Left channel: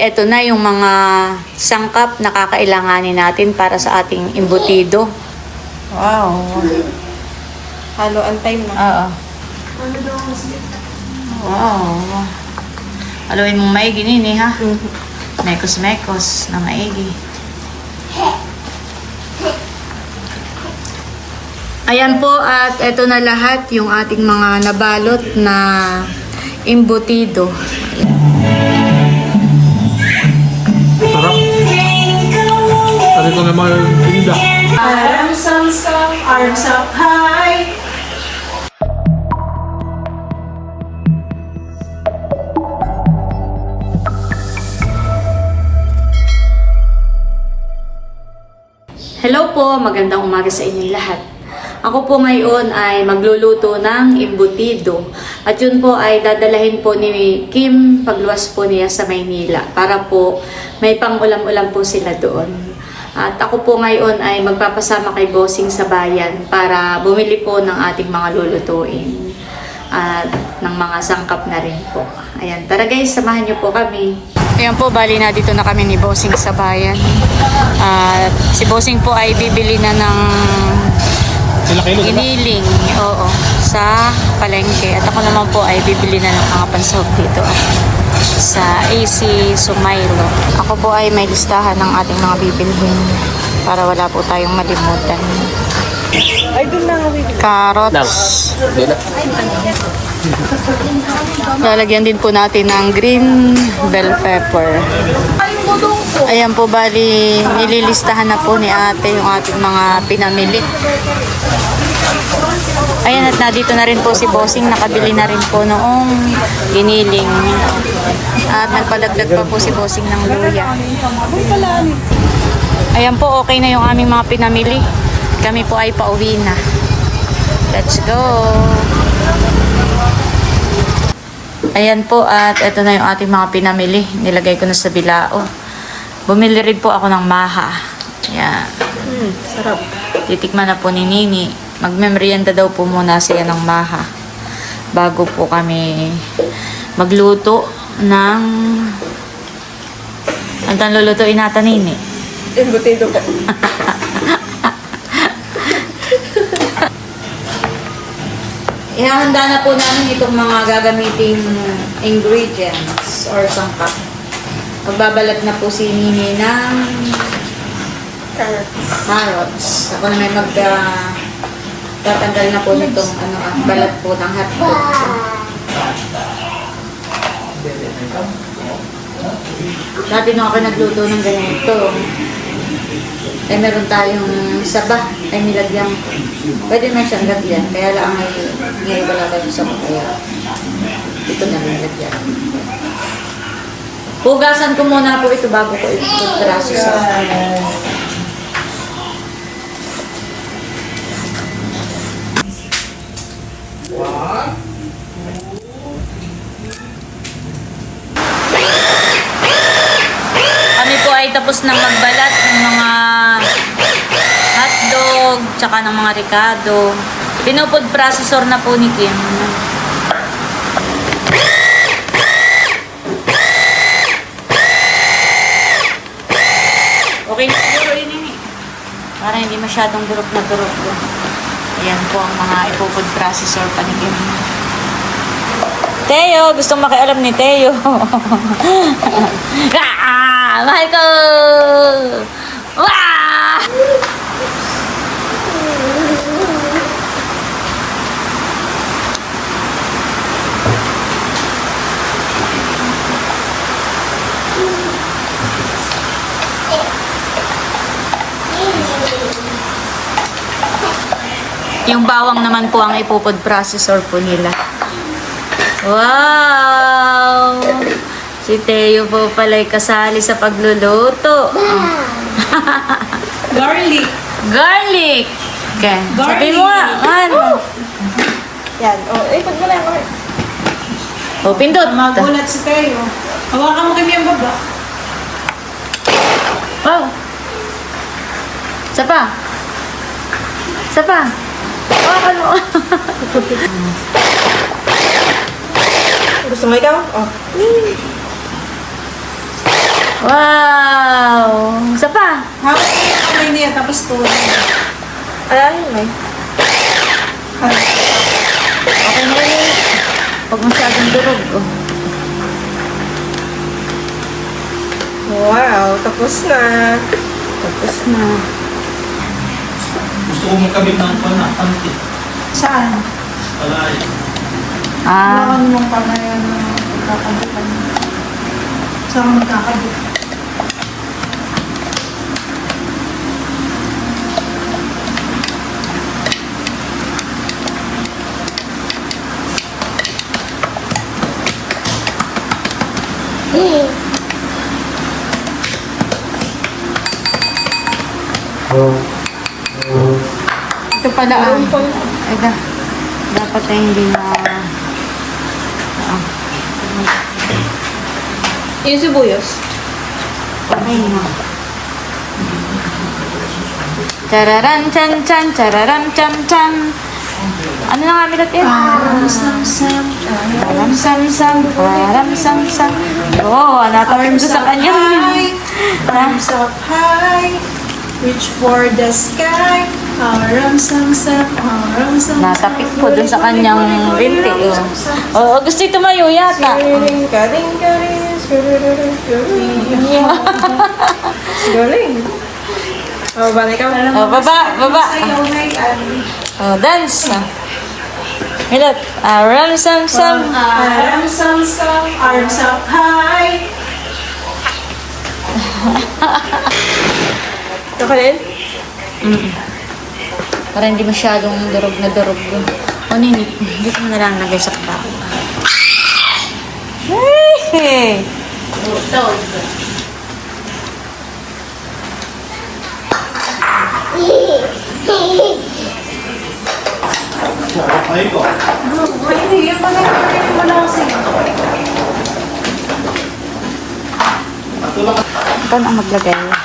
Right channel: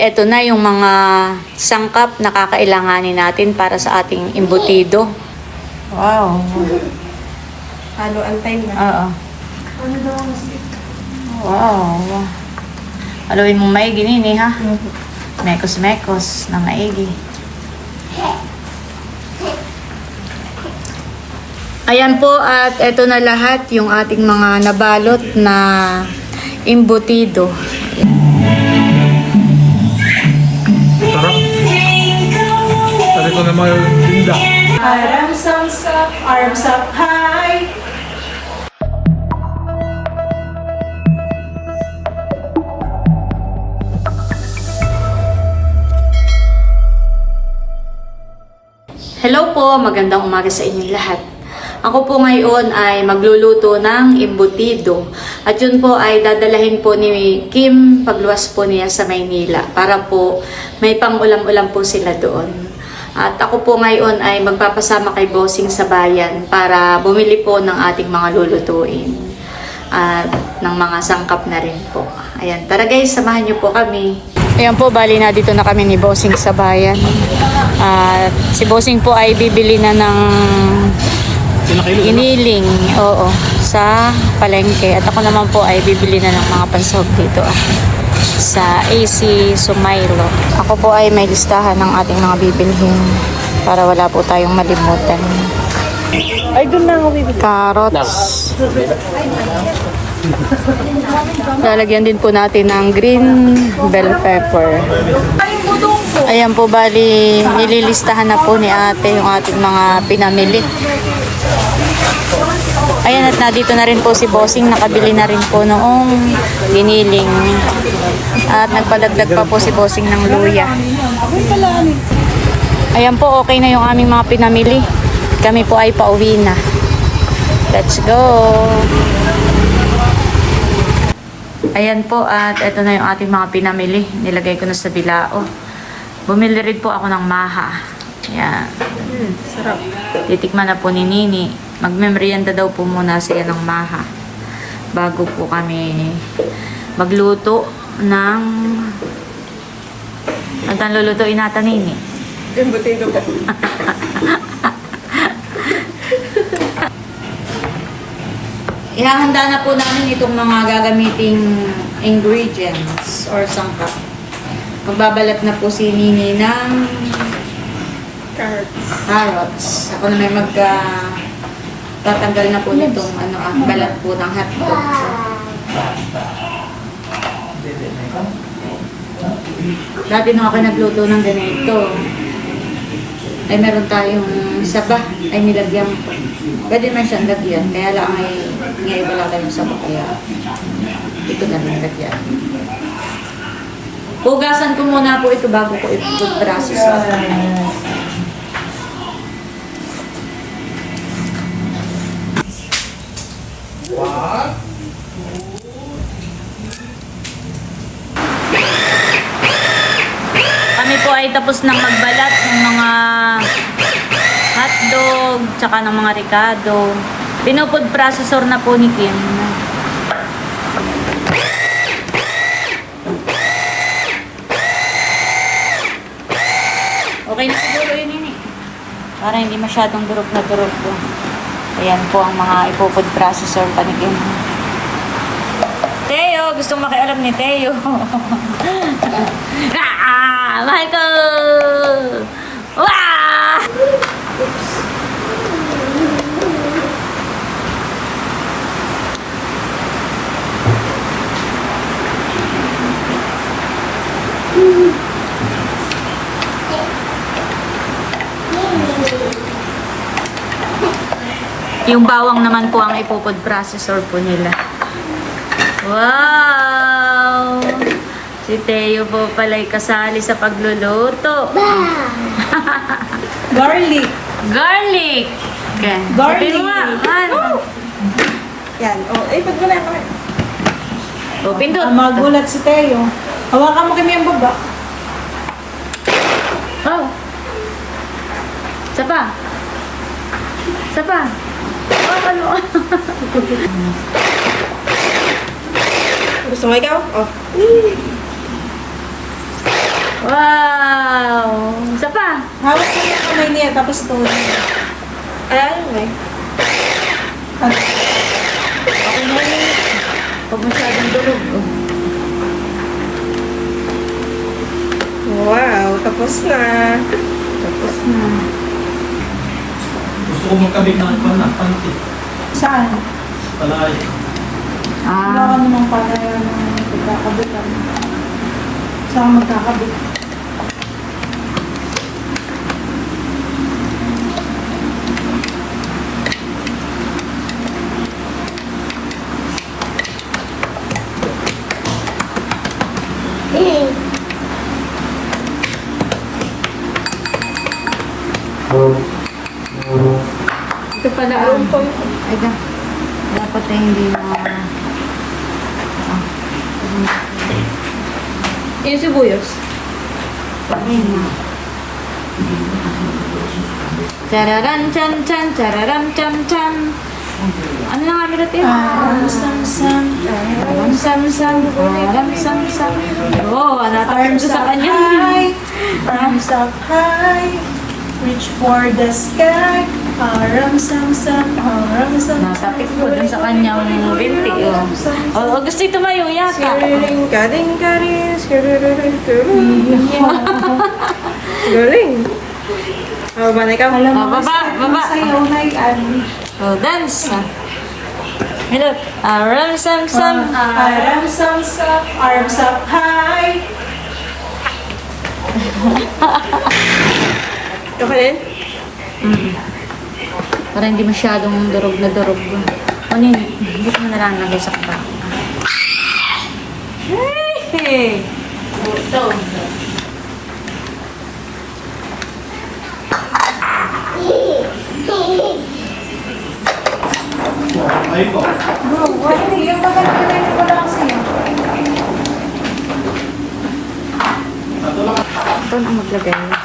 Ito na yung mga sangkap na kakailanganin natin para sa ating imbutido. Wow. Halo ang time na. Oo. Wow. Haluin mo maigi nini ha. Mekos-mekos na maigi. Ayan po at ito na lahat yung ating mga nabalot na imbutido. Sarap. Na mga tinda. Arms up, arms up high. Hello po, magandang umaga sa inyong lahat. Ako po ngayon ay magluluto ng imbutido. At yun po ay dadalahin po ni Kim pagluwas po niya sa Maynila para po may pang-ulam-ulam po sila doon. At ako po ngayon ay magpapasama kay Bossing sa bayan para bumili po ng ating mga lulutuin. At ng mga sangkap na rin po. Ayan, tara guys, samahan niyo po kami. Ayan po, bali na dito na kami ni Bossing sa bayan. At si Bossing po ay bibili na ng iniling, oo, sa palengke. At ako naman po ay bibili na ng mga pansahog dito ah, sa AC Sumailo. Ako po ay may listahan ng ating mga bibilhin para wala po tayong malimutan. Na. Carrots. Lalagyan din po natin ng green bell pepper. Ayan po bali, nililistahan na po ni ate yung ating mga pinamili. Ayan at nandito na rin po si Bossing, nakabili na rin po noong giniling. At nagpadagdag pa po si Bossing ng luya. Ayan po, okay na yung aming mga pinamili. Kami po ay pauwi na. Let's go! Ayan po at ito na yung ating mga pinamili. Nilagay ko na sa bilao. Bumili rin po ako ng maha. Ayan. Sarap. Titikman na po ni Nini. Magmemorienda daw po muna siya ng maha. Bago po kami magluto ng... Ano tang lulutuin natin, Nini? Yung butido pa. Ihahanda na po namin itong mga gagamiting ingredients or sangkap. Magbabalat na po si Nini ng Carrots. carrots. Ako na may mag tatanggal na po nitong ano, ah, balat po ng hotdog. Dati nung ako nagluto ng ganito, ay meron tayong saba, ay nilagyan ko. Pwede man siyang lagyan, kaya lang ay ngayon wala tayong saba, kaya ito na nilagyan. Hugasan ko muna po ito bago ko i-food ay tapos ng magbalat ng mga hotdog, tsaka ng mga ricado. Pinupod processor na po ni Kim. Okay na siguro yun yun. Para hindi masyadong durog na durog po. Ayan po ang mga ipupod processor pa ni Kim. Teo, gustong makialam ni Teo. ah, Michael! Wah! Yung bawang naman po ang ipupod processor po nila. Wow! Si Teo po pala'y kasali sa pagluluto. Garlic. Garlic! Okay. Sabi mo ano? Yan. O, oh, eh, pag wala ko. O, pindot. Magulat si Teo. Hawakan mo kanya ang baba. Oh. Isa pa. Isa pa. Hawakan mo. Gusto mo ikaw? Oh. Wow! Isa pa. Hawak mo yung kamay niya, tapos ito. Ayan mo. Okay na yun. Huwag masyadong durog. oh. Wow, tapos na. Tapos na. Gusto ko magkabit ng ano, panty. Saan? Palay. Wala ka Ah, namang pala yan ng pagkakabitan. Saan ka magkakabit? Ito pala ang... Ay, da, dapat na hindi na... Yung sibuyas. Na. Chararan chan chan, chararam cham cham. Ano na nga milat yun? Aram sam sam. Aram sam sam, aram sam sam. Oo, Arms napakita sa up kanya. high. Arms up high. Reach for the sky. Aram sam sam. Aram sam sam. Natapik po dun sa kanyang binti. Oh. Oo, gusto ito tumayo yata. Siring ka ding ka rin. Siring ka rin. Galing. Oh, ba na ikaw? Oh, baba, baba. Sa'yo may ano. Oh, dance. Milot. Aram sam sam. Arms sam sam. Arms up high. Ito pa rin? Mm. Para hindi masyadong durog na durog. O nini, dito mo na lang lagay sa kabaw. Hey! Ay ko. Bro, hindi. Yung pala wala kasi. Patulong ka. Paano ang maglagay?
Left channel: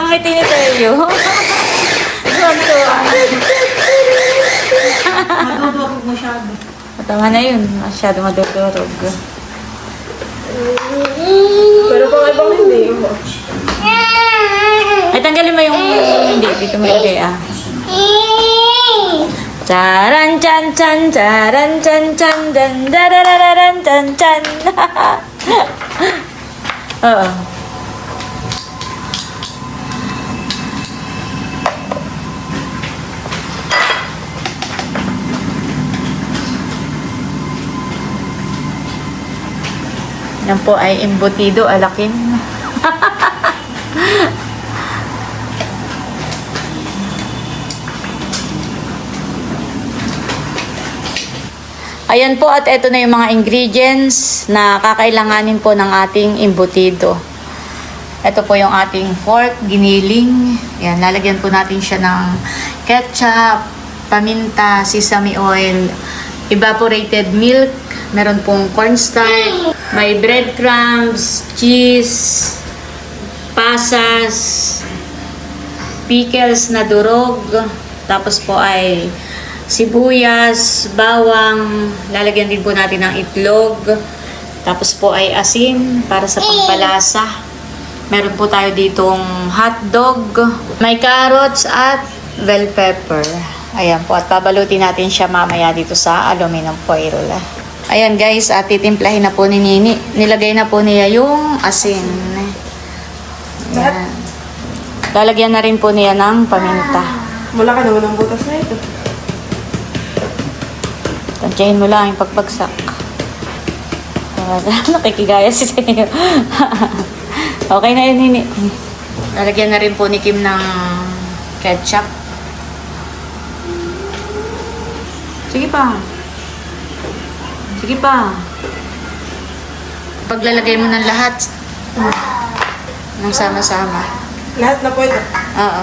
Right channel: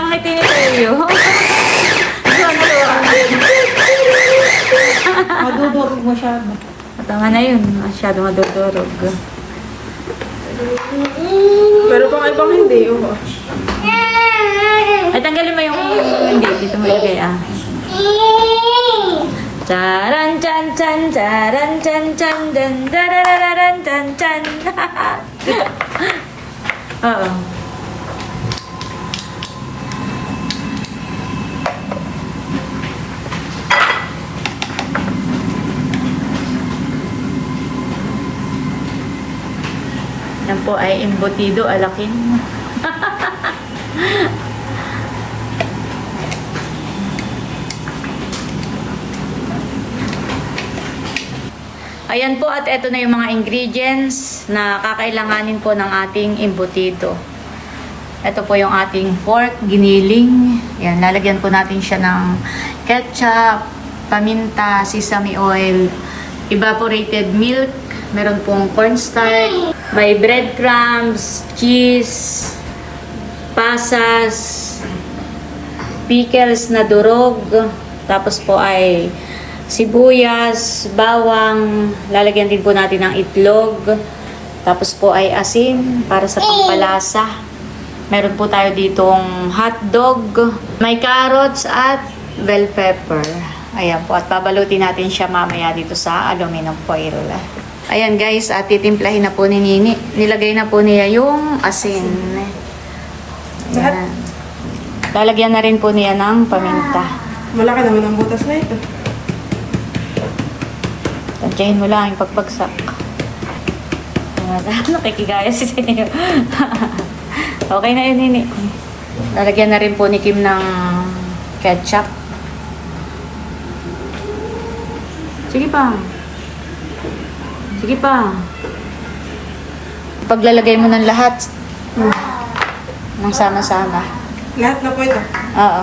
Ang may tinitayo. Madudurog masyado. Tama na yun. Masyado madudurog. Pero kung ibang hindi, oo. Ay, tanggalin mo yung... Hindi, dito mo ilagay ah. Charan chan chan charan chan chan dan darararan chan chan. Oo. Yan po ay embutido alakin. Ayan po at ito na yung mga ingredients na kakailanganin po ng ating embutido. Ito po yung ating pork, giniling. Yan, lalagyan po natin siya ng ketchup, paminta, sesame oil, evaporated milk, meron pong cornstarch, may breadcrumbs, cheese, pasas, pickles na durog, tapos po ay sibuyas, bawang, lalagyan din po natin ng itlog, tapos po ay asin para sa pampalasa. Meron po tayo ditong hotdog, may carrots at bell pepper. Ayan po, at babalutin natin siya mamaya dito sa aluminum foil. Ayan guys, at titimplahin na po ni Nini. Nilagay na po niya yung asin. Ayan. Lalagyan na rin po niya ng paminta. Wala ka naman ng butas na ito. Tansyahin mo lang yung pagbagsak. Nakikidaya si Senyor. okay na yun, Nini. Lalagyan na rin po ni Kim ng ketchup. Sige pa. Sige pa. Paglalagay mo ng lahat. Hmm. Nang sama-sama. Lahat na po ito? Oo.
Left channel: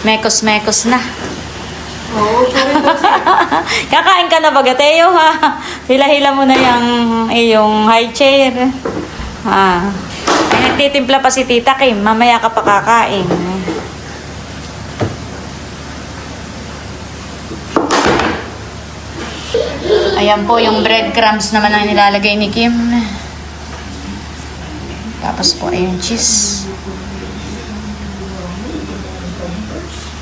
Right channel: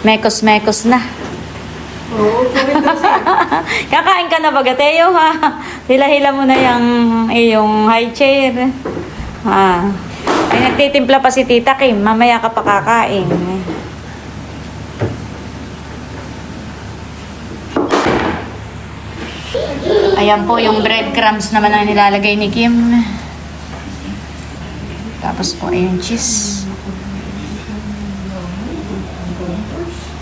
Mekos-mekos na. Kakain ka na ba, Gateo, ha? Hila-hila mo na yung iyong high chair. Ha. May nagtitimpla pa si Tita Kim. Mamaya ka pa kakain. Ayan po yung breadcrumbs naman ang nilalagay ni Kim. Tapos po ayun cheese.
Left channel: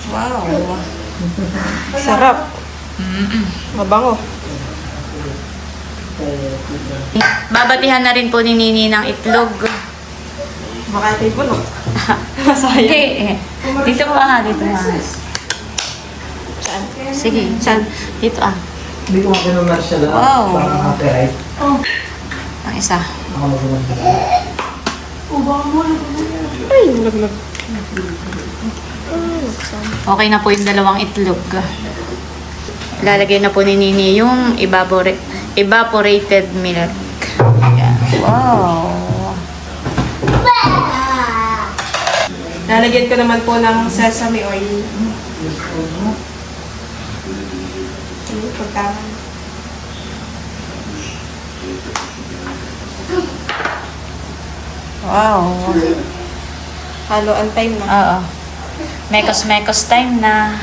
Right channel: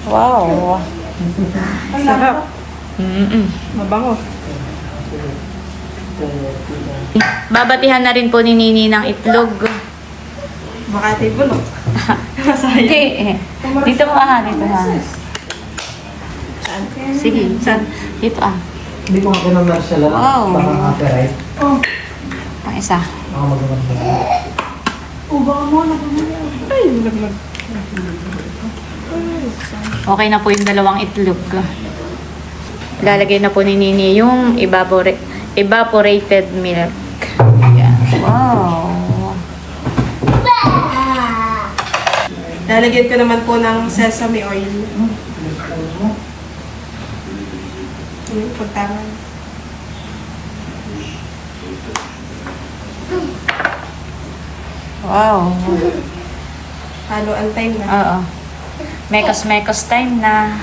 Wow. Sarap. Mm-mm. Mabango. Babatihan na rin po ni Nini ng itlog. Baka tayo bulok. Hindi eh. Dito mo ah, dito ah. Saan? Sige, saan? Dito ah. Hindi ko ako ng martial arts. Wow. Parang copyright. Pang isa. Ako mag-martial Ay, nalaglag. Okay na po yung dalawang itlog. Lalagay na po ni Nini yung evapora- evaporated milk. Ayan. Wow. Lalagyan ko naman po ng sesame oil. Hmm, pagtama. Wow. Haluan time na. Oo. Mekos-mekos time na.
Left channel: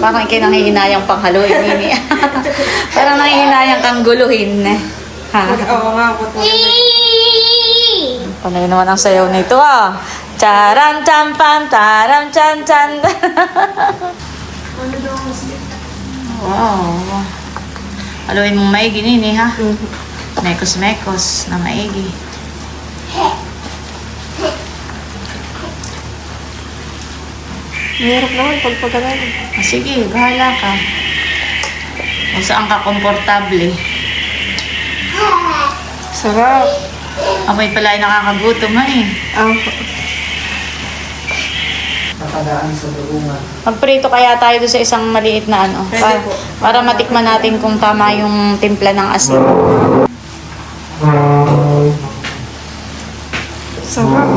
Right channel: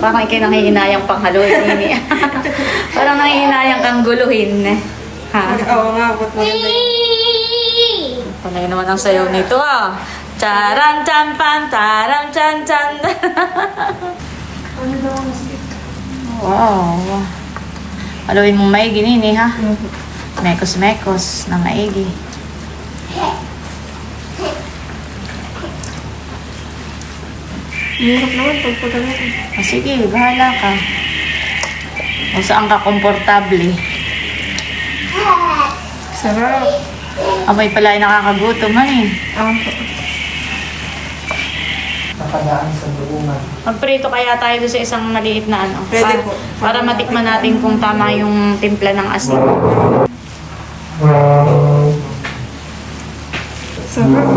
Parang ikay nangihinayang panghaluin, Nini. Parang nangihinayang kang guluhin. Ha? Oo nga, ba't maganda? Panay naman ang sayaw nito ah. Charan chan pan, taram chan chan. wow. Haluin mong maigi nini ha. Mekos-mekos na maigi. Mahirap naman pag pagkalaan. O sige, bahala ka. Kung saan ka komportable. Sarap. Amoy pala ay nakakagutom eh. Ah, Nakagaan sa duungan. Magprito kaya tayo doon sa isang maliit na ano. Pwede para, po. para matikman natin kung tama yung timpla ng asin. Sarap.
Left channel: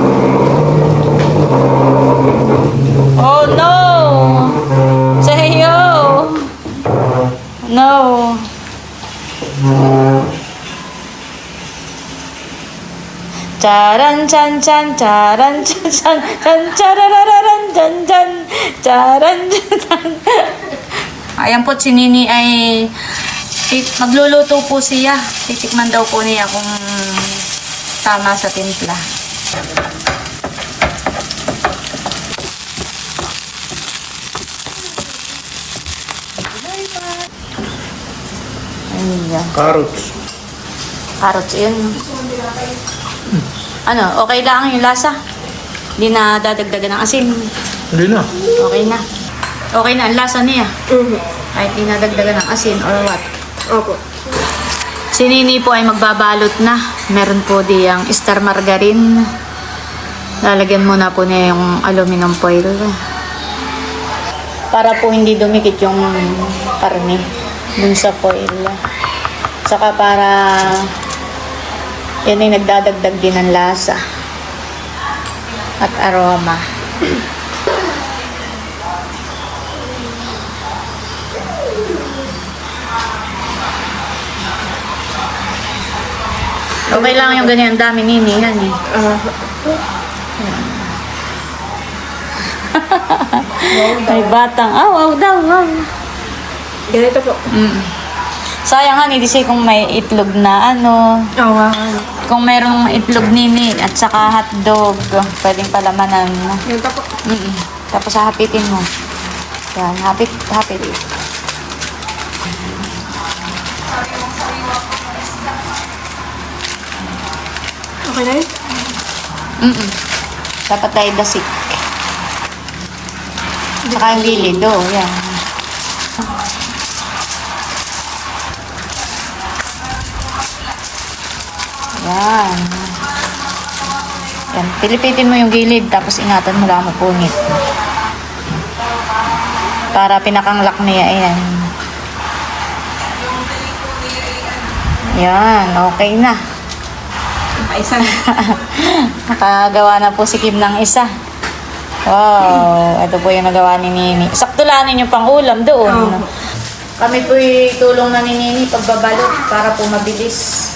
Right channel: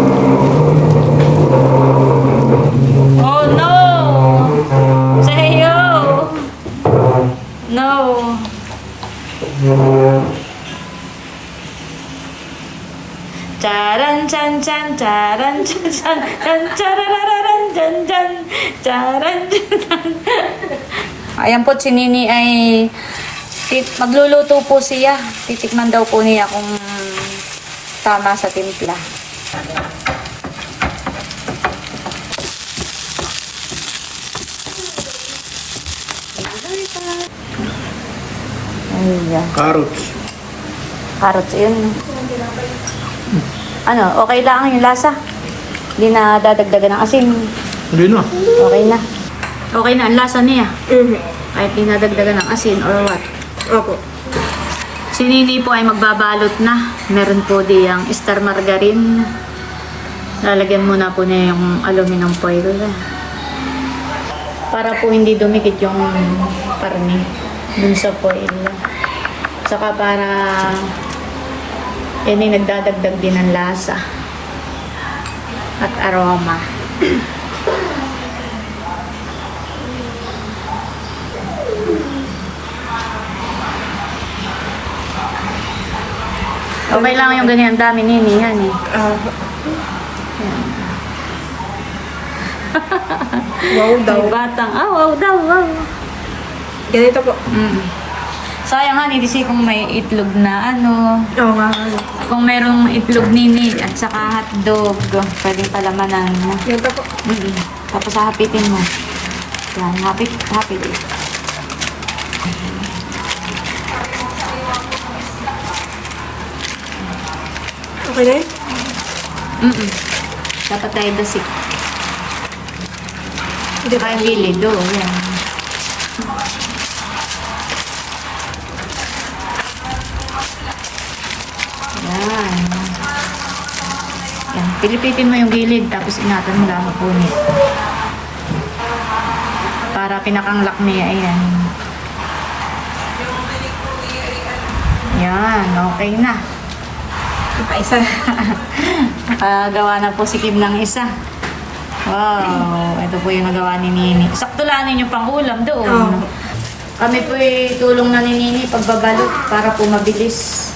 Oh no! Sayo! No! Charan chan chan charan chan chan chan charararan chan chan charan chan chan Ayan po, si Nini ay magluluto po siya. Titikman daw po niya kung tama sa timpla. Ayan. Carrots. Carrots, yun. no? Ano, okay lang yung lasa? Hindi na dadagdagan ng asin. Hindi na. Okay na. Okay na ang lasa niya. Kahit di nadagdagan ng asin or what. Opo. Si Nini po ay magbabalot na. Meron po diyang star margarine. Lalagyan muna po niya yung aluminum foil. Para po hindi dumikit yung karne dun sa foil. Saka para yun ay nagdadagdag din ng lasa at aroma. Okay lang yung ganyan, dami nini yan eh. Ah. wow daw. May batang, ah, wow daw, wow. Ganito po. Mm. Sayang nga, hindi kasi kung may itlog na ano, Oo nga. kung mayroong itlog nini at saka hotdog, pwedeng palamanan. Ganito po. Mm Tapos hahapitin mo. Yan, hapit, hapit. Okay na yun? Mm Dapat tayo dasik. Saka yung gilid, oh, yan. Yan. Yan, pilipitin mo yung gilid, tapos ingatan mo lang mapunit. Para pinakang lakme, ayan. Yan, okay na. Isa. Nakagawa na po si Kim ng isa. Wow, ito po yung nagawa ni Nini. Sakto lang ninyo pang ulam doon. Kami po tulong na ni Nini pagbabalot para po mabilis.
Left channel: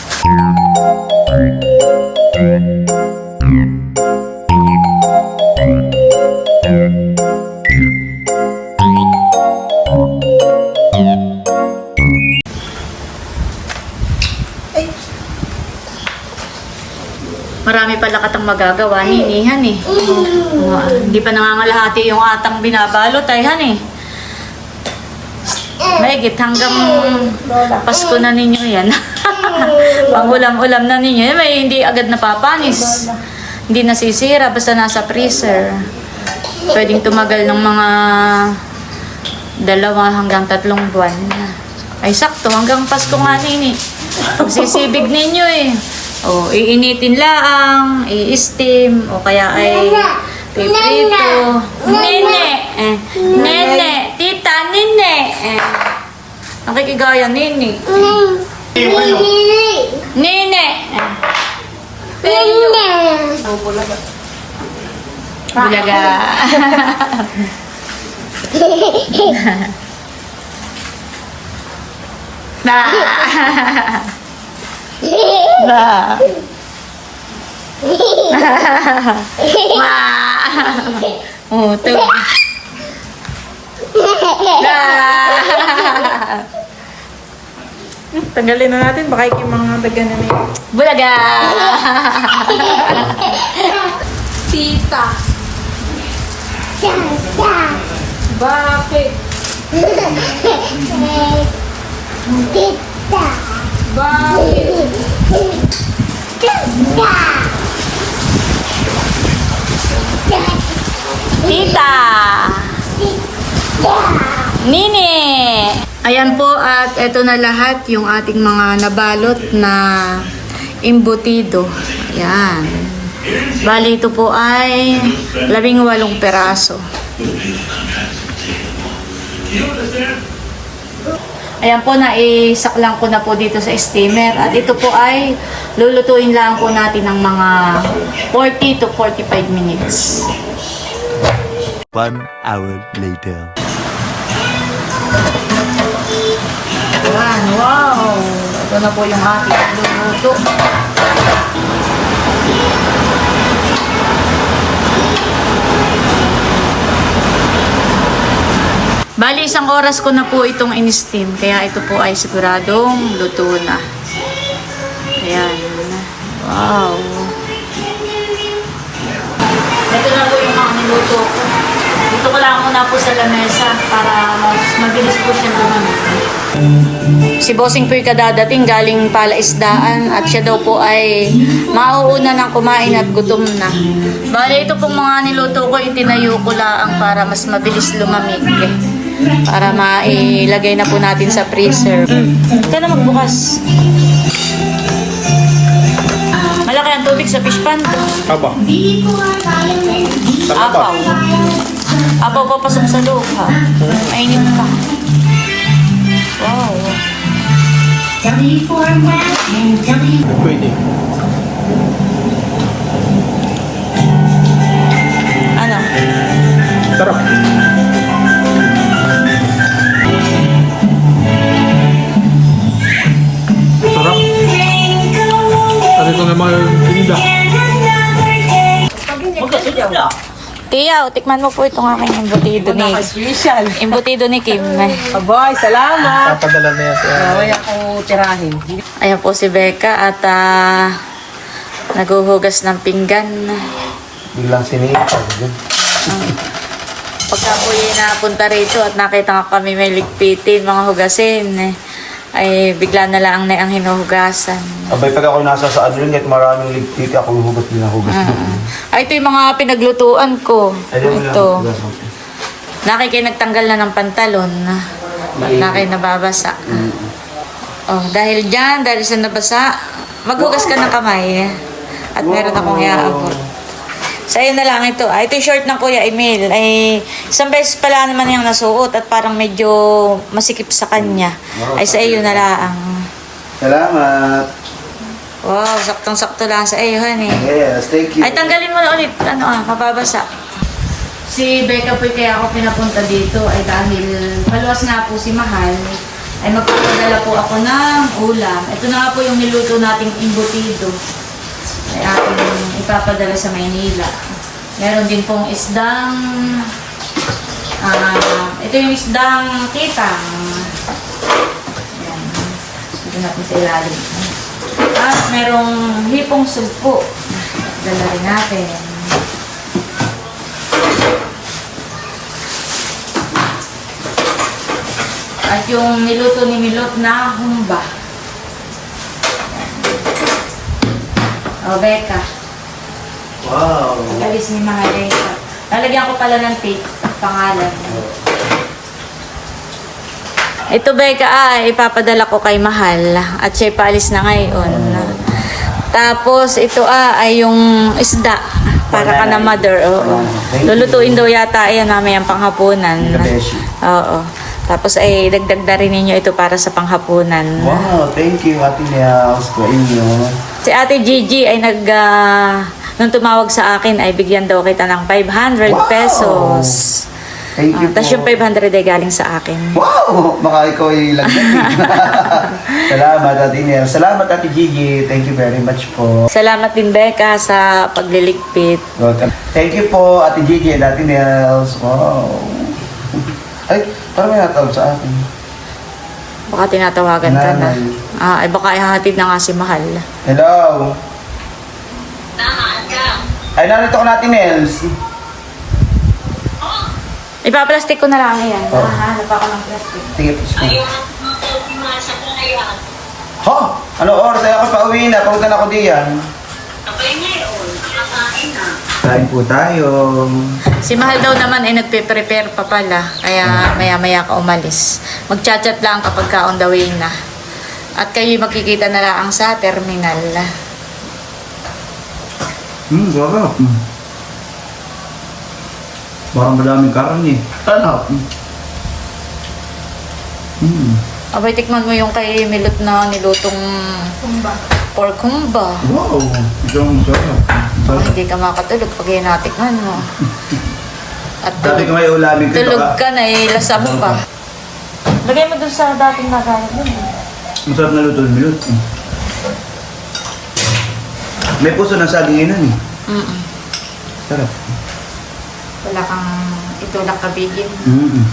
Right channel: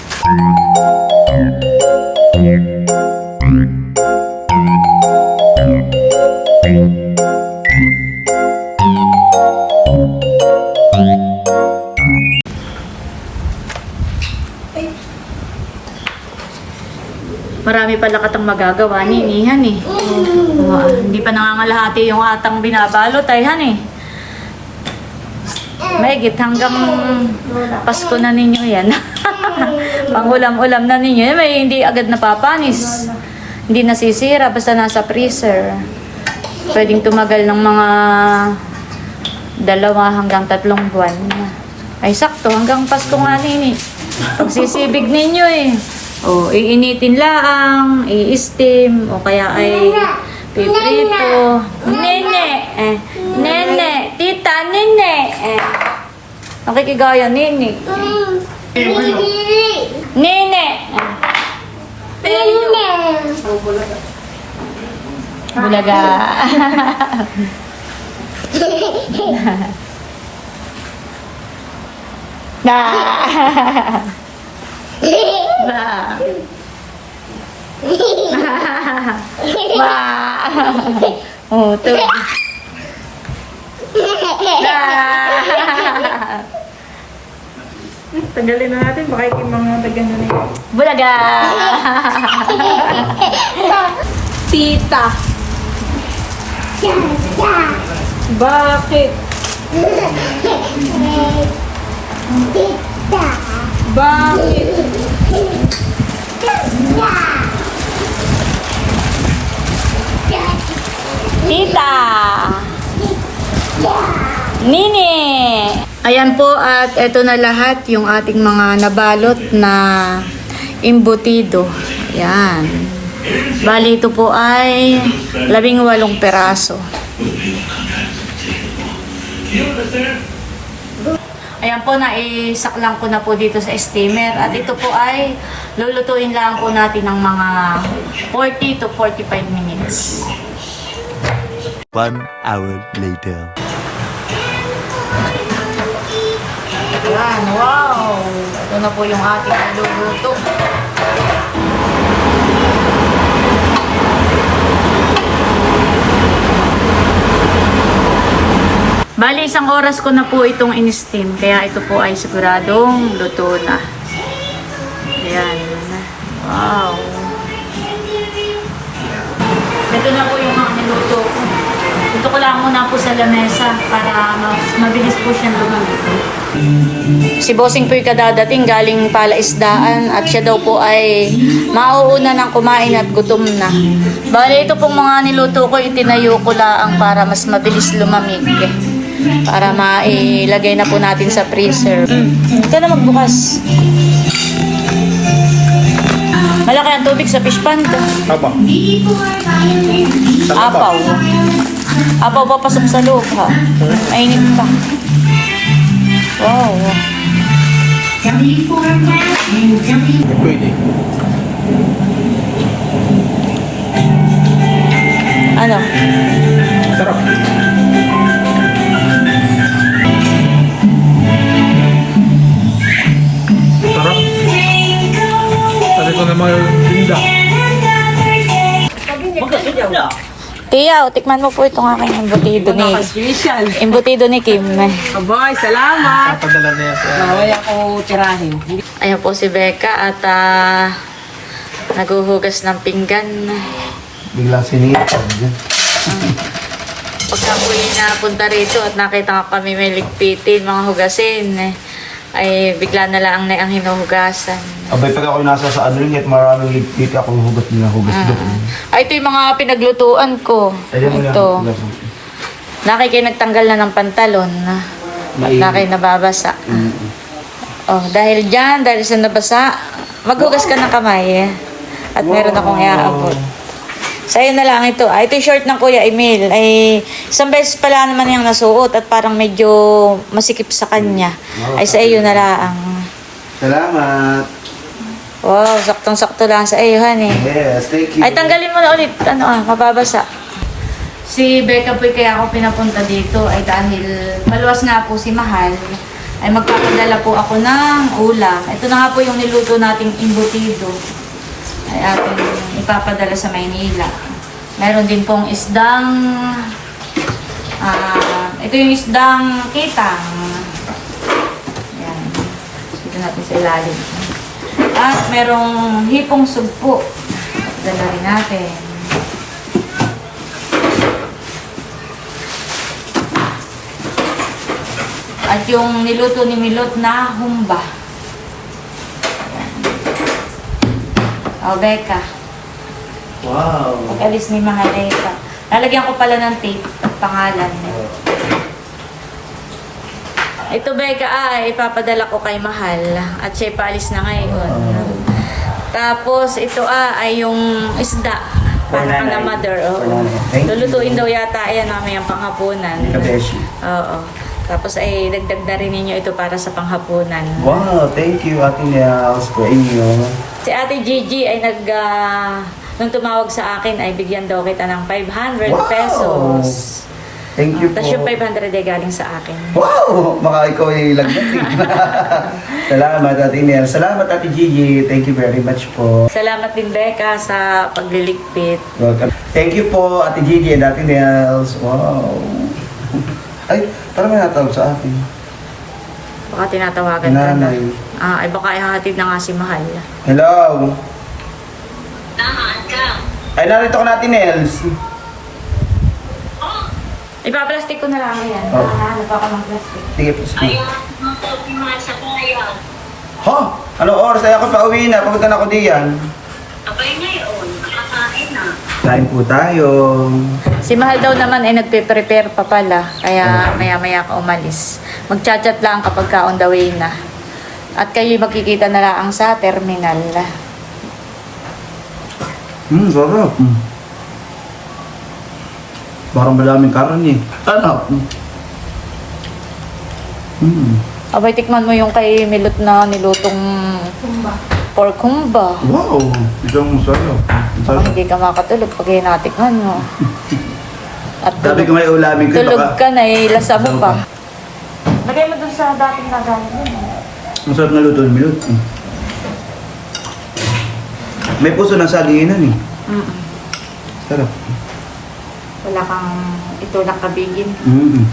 Marami pala katang magagawa ni Nihan eh. Oo, hindi pa nangangalahati yung atang binabalot ay han eh. Mahigit hanggang Pasko na ninyo yan. Pangulam-ulam na ninyo. May hindi agad napapanis. Hindi nasisira basta nasa freezer. Pwedeng tumagal ng mga dalawa hanggang tatlong buwan. Ay sakto, hanggang Pasko nga nini. Pagsisibig ninyo eh. O, iinitin laang, i-steam, o kaya ay piprito. Nene, eh, nene, tita, nene. Eh. Nakikigaya, nene. Nene. Eh. Bulaga. Ba. Ba. Ba. Oh, to. Ba. tanggalin na natin. Baka yung mga dagan na yun. Bulaga. Tita. Bakit? Bakit? Tita. Nini. Ayan po at eto na lahat yung ating mga nabalot na imbutido. Ayan. Bali ito po ay labing walong peraso. Ayan po, naisaklang ko na po dito sa steamer. At ito po ay lulutuin lang po natin ng mga 40 to 45 minutes. One hour later. Ayan, wow! Ito na po yung ating niluluto. Bali, isang oras ko na po itong in-steam. Kaya ito po ay siguradong luto na. Ayan. Wow. Ito na po yung mga niluto ko. Dito ko lang muna po sa lamesa para mas mabilis po siya lumamig. Si Bossing po yung kadadating galing palaisdaan at siya daw po ay mauuna ng kumain at gutom na. Bale, ito pong mga niluto ko, itinayo ko lang para mas mabilis lumamig. Para mailagay na po natin sa freezer. Mm. Ito na magbukas. Malaki ang tubig sa fish pond. Aba. Apaw. Apaw papasok sa loob ha. Mainit pa. Wow. Pwede. Ano? Sarap. Ko naman yung linda. Tiyaw, tikman mo po itong aking embutido ni Special. embutido ni Kim. Aboy, salamat. Papadala na yan siya. Baway ako tirahin. Ayan po si Becca at ah, naguhugas ng pinggan. Biglang sinipag yan. Pagka po yung napunta rito at nakita ko kami may ligpitin, mga hugasin, eh, ay bigla na lang na ang hinuhugasan. Abay, pag ako nasa sa ano kahit maraming ligpit ako, hugot niya, hugot Ah. Ay, ito yung mga pinaglutuan ko. Ito. Nakay kayo nagtanggal na ng pantalon. At nakay nababasa. Oh, dahil dyan, dahil sa nabasa, maghugas ka ng kamay. At meron akong iaabot. Sa'yo na lang ito. Ah, ito yung short ng Kuya Emil. Ay, isang beses pala naman yung nasuot at parang medyo masikip sa kanya. Ay, sa iyo na lang. Salamat. Wow, saktong-sakto lang sa iyo, honey. Yes, thank you. Ay, tanggalin mo na ulit. Ano ah, mababasa. Si Becca po kaya ako pinapunta dito ay dahil maluwas nga po si Mahal ay magpapadala po ako ng ulam. Ito na nga po yung niluto nating imbutido. Ay aking ipapadala sa Maynila. Meron din pong isdang ah ito yung isdang kitang. Yan. Dito natin sa ilalim. At merong hipong sugpo. Dala rin natin. At yung niluto ni Milot na humba. Yan. O, Becca. Wow. Pag-alis ni Mahaleta. Lalagyan ko pala ng tape pangalan. Ito, Becca, ah, ipapadala ko kay Mahal. At siya paalis na ngayon. Tapos, ito ah, ay yung isda. Para ka na mother. Oo. You. Lulutuin daw yata yan namin ang panghapunan. Oo. Tapos ay dagdag na rin ninyo ito para sa panghapunan. Wow, thank you, Ate Nels, sa inyo. Si Ate Gigi ay nag... ah, nung tumawag sa akin ay bigyan daw kita ng 500 Wow! pesos. Thank you po. Tapos yung 500 ay galing sa akin. Wow! Baka ikaw ay lagdag. Salamat, Ate Nels. Salamat, Ate Gigi. Thank you very much po. Salamat din Becca sa pagliligpit. Welcome. Thank you po, Ate Gigi and Ate Nels. Wow. Ay, parang may natawag sa akin. Baka tinatawagan ka na. Nanay. Ah, ay baka ihahatid na nga si Mahal. Hello? Ay, narito ko natin, Nels. Ipaplastic ko na lang yan. Oh. Ah, ano pa ako ng plastic. Sige po, sige. Ha? Ano oras? Ay ako pa uwi na. Pagod na ako diyan. Kain po tayo. Si Mahal daw naman ay nagpe-prepare pa pala. Kaya maya-maya ka umalis. Magchat-chat lang kapag ka on the way na. At kayo magkikita na lang sa terminal. Hmm, sarap. Hmm. Parang malaming karne. Sarap. Hmm. Abay, tikman mo yung kay Milot na nilutong pork humba. Wow. Isang sarap. Ang Baka sarap. hindi ka makatulog pag natikman mo. At Sabi ko may ulamin ko. tulog baka- ka na, eh, lasa mo pa. Lagay mo dun sa dating nagalit dun. eh. Masarap na luto, milot. Hmm. May puso ng saging yun eh. Mm-mm. Sarap. Wala kang itulak kabigin. Mm-mm.